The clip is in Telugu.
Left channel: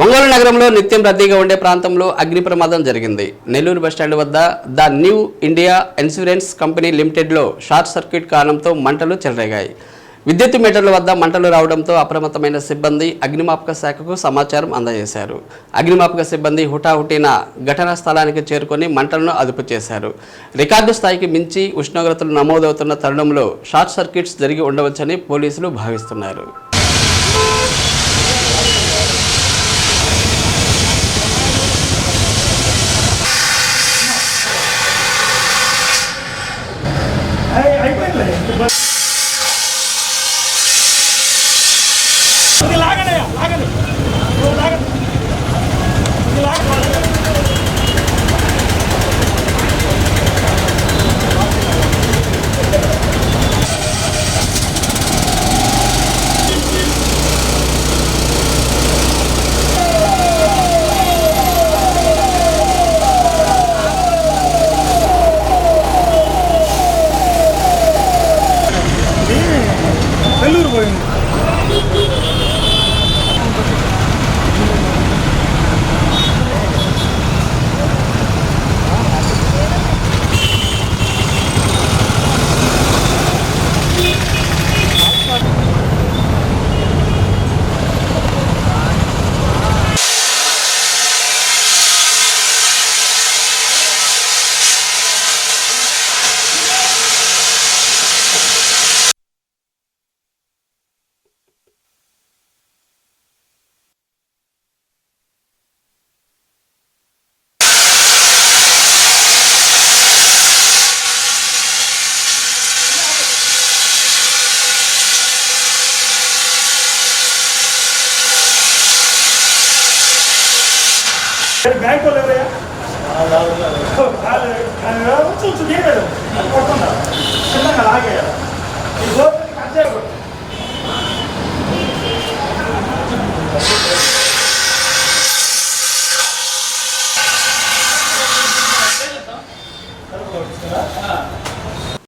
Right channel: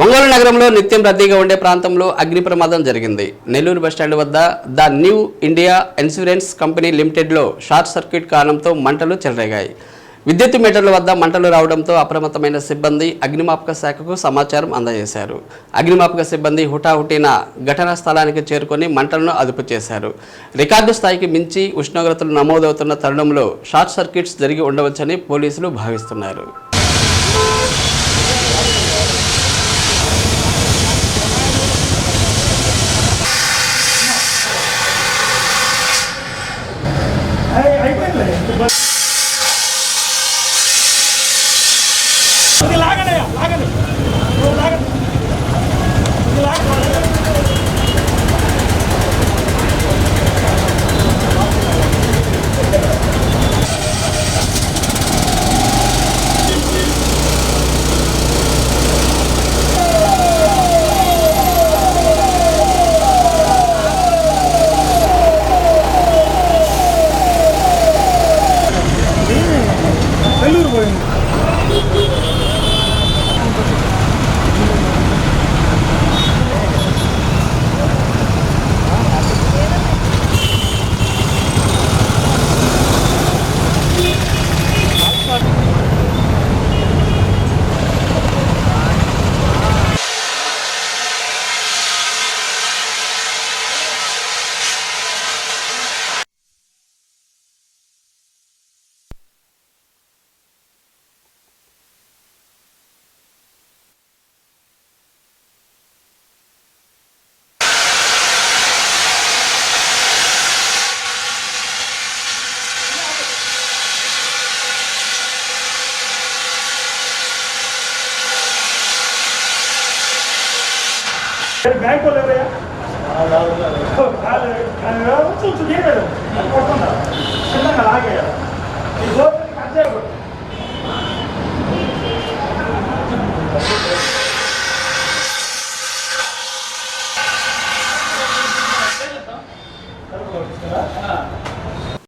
ఒంగోలు నగరంలో నిత్యం రద్దీగా ఉండే ప్రాంతంలో అగ్ని ప్రమాదం జరిగింది. నెల్లూరు బస్టాండ్ వద్ద the New India Insurance Company లిమిటెడ్లో short circuit కారణంతో మంటలు చెలరేగాయి. విద్యుత్ మీటర్ల వద్ద మంటలు రావడంతో అప్రమత్తమైన సిబ్బంది అగ్నిమాపక శాఖకు సమాచారం అందజేశారు. అగ్నిమాపక సిబ్బంది హుటాహుటిన ఘటనా స్థలానికి చేరుకొని మంటలను అదుపు చేశారు. రికార్డు స్థాయికి మించి ఉష్ణోగ్రతలు నమోదవుతున్న తరుణంలో షార్ట్ సర్క్యూట్స్ జరిగి ఉండవచ్చని పోలీసులు భావిస్తున్నారు. బ్యాంకు వాళ్ళు చిన్నగా లాగేయాలి ఈ గోడ కట్ చేయకూడదు